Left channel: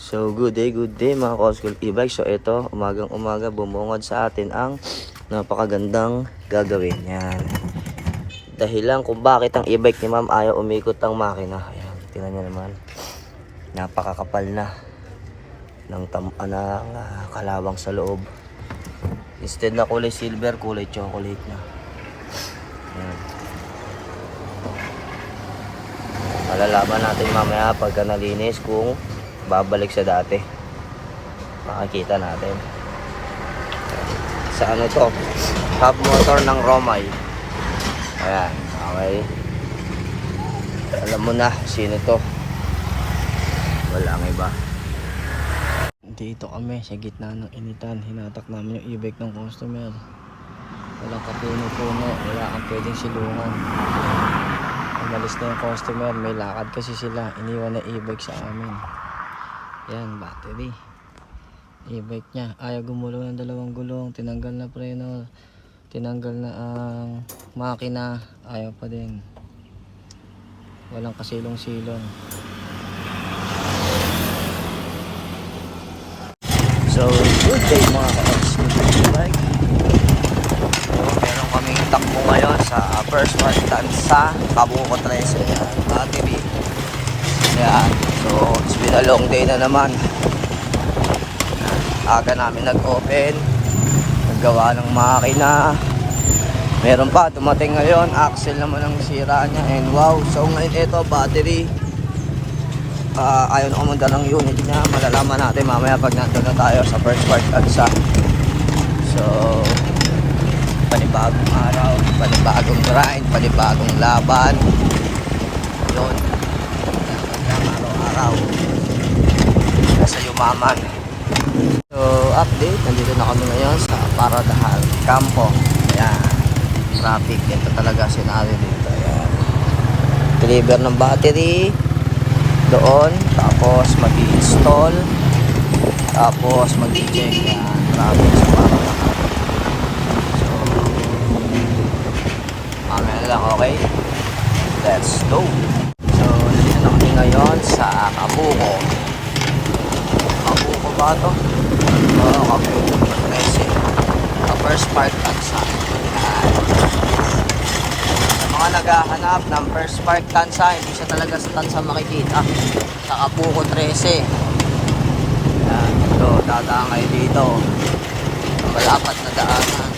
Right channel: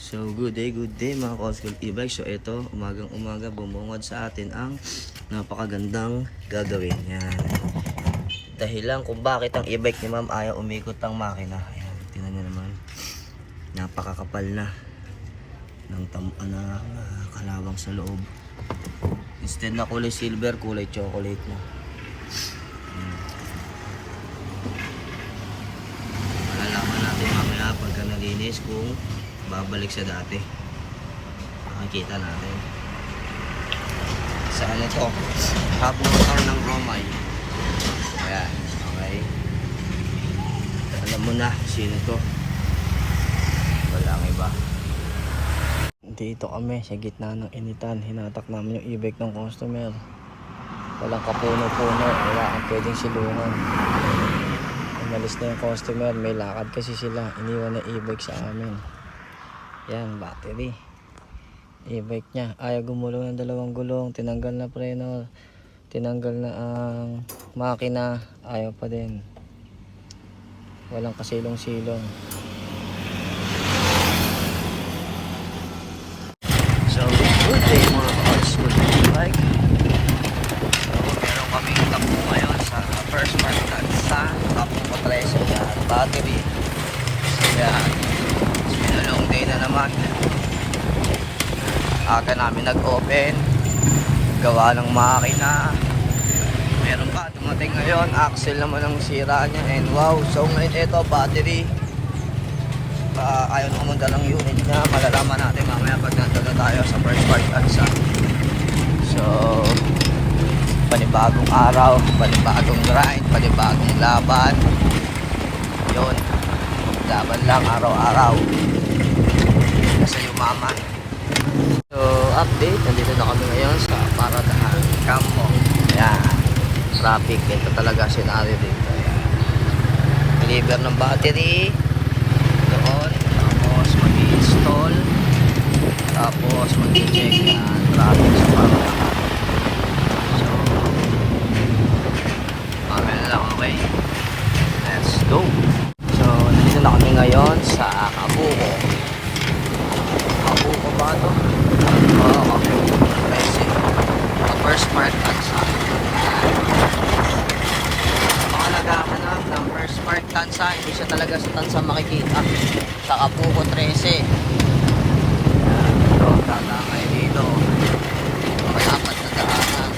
So good day mga ka-school e-bike. So ito, umagang-umaga bumungad sa atin ang napakagandang gagawin. Yan. Dahilan kung bakit ang e-bike ni ma'am ayaw umikot ang makina. Ayan, tingnan nyo naman. Napakakapal na ng kalawang sa loob. Instead na kulay silver, kulay chocolate na. Ayan. Malalaman natin mamaya pagka nalinis kung babalik sa dati. Makikita natin sa ano to, hub motor ng Romay. Ayan, okay. Alam mo na sino to. Walang iba. Dito kami sa gitna ng initan. Hinatak namin yung e-bike ng customer. Walang kapuno-puno, wala kang pwedeng silungan. Umalis na yung customer, may lakad kasi sila. Iniwan na e-bike sa amin. Yan, battery. E-bike niya. Ayaw gumulong ng dalawang gulong. Tinanggal na preno. Tinanggal na ang makina. Ayaw pa din. Walang kasilong-silong. So, good day mga ka-school e-bike. So, meron kaming takbo ngayon sa first part sa Kabuko 13. Yan, battery. Yan. So, it's been a long day na naman. Aga namin nag-open. Naggawa ng makina. Meron pa, dumating ngayon. Axle naman ang sira niya. And wow, so ngayon ito, battery. Ayaw na kumanda ng unit niya. Malalaman natin mamaya pag nandun na tayo sa first part tansa. So, panibagong araw, panibagong grind, panibagong laban. Yun. Laban lang araw-araw. Nasa yumaman. So, update. Nandito na kami ngayon sa Paradahan Campo. Ayan. Traffic. Ito talaga scenario dito. Ayan. Deliver ng battery. Doon. Tapos mag-install. Tapos mag-check. Ayan. Traffic sa Paradahan. So, mamaya na lang. Okay? Let's go. So, nandito na kami ngayon sa Kabuko. Kabuko ba ito? Oo, Kabuko. First part tansa. Mga naghahanap ng first part tansa, hindi siya talaga sa tansa makikita. Sa Kabuko 13. Yan. So, dadaan kayo dito. Malapat na daanan.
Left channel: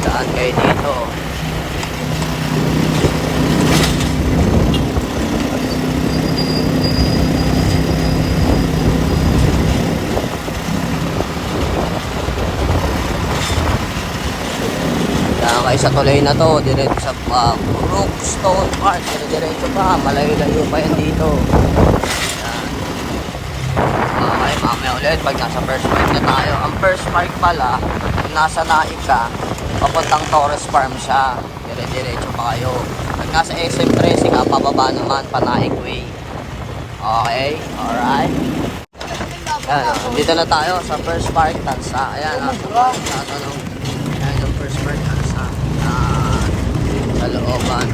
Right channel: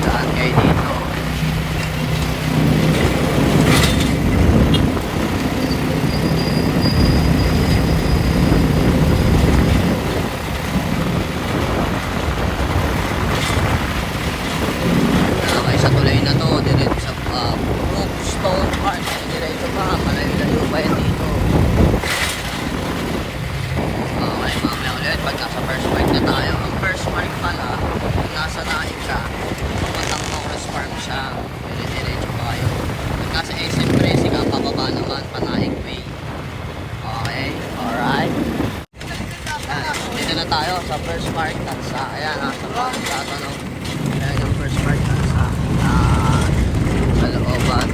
Daan kayo dito. Daan kayo sa tulay na to, diretso sa Brookstone Park. Diretso pa, malayo-layo pa yan dito. Yan. Okay, mamaya ulit pag nasa first park na tayo. Ang first park pala, nasa Naik ka, papuntang Torres Farm siya. Diretso pa kayo. Pag nasa SM13 ka, pababa naman, Panaig Way. Okay, alright. Ayan, dito na tayo sa first park tansa. Ayan, sa tatanong. Ayan yung first park tansa. Ayan, sa looban.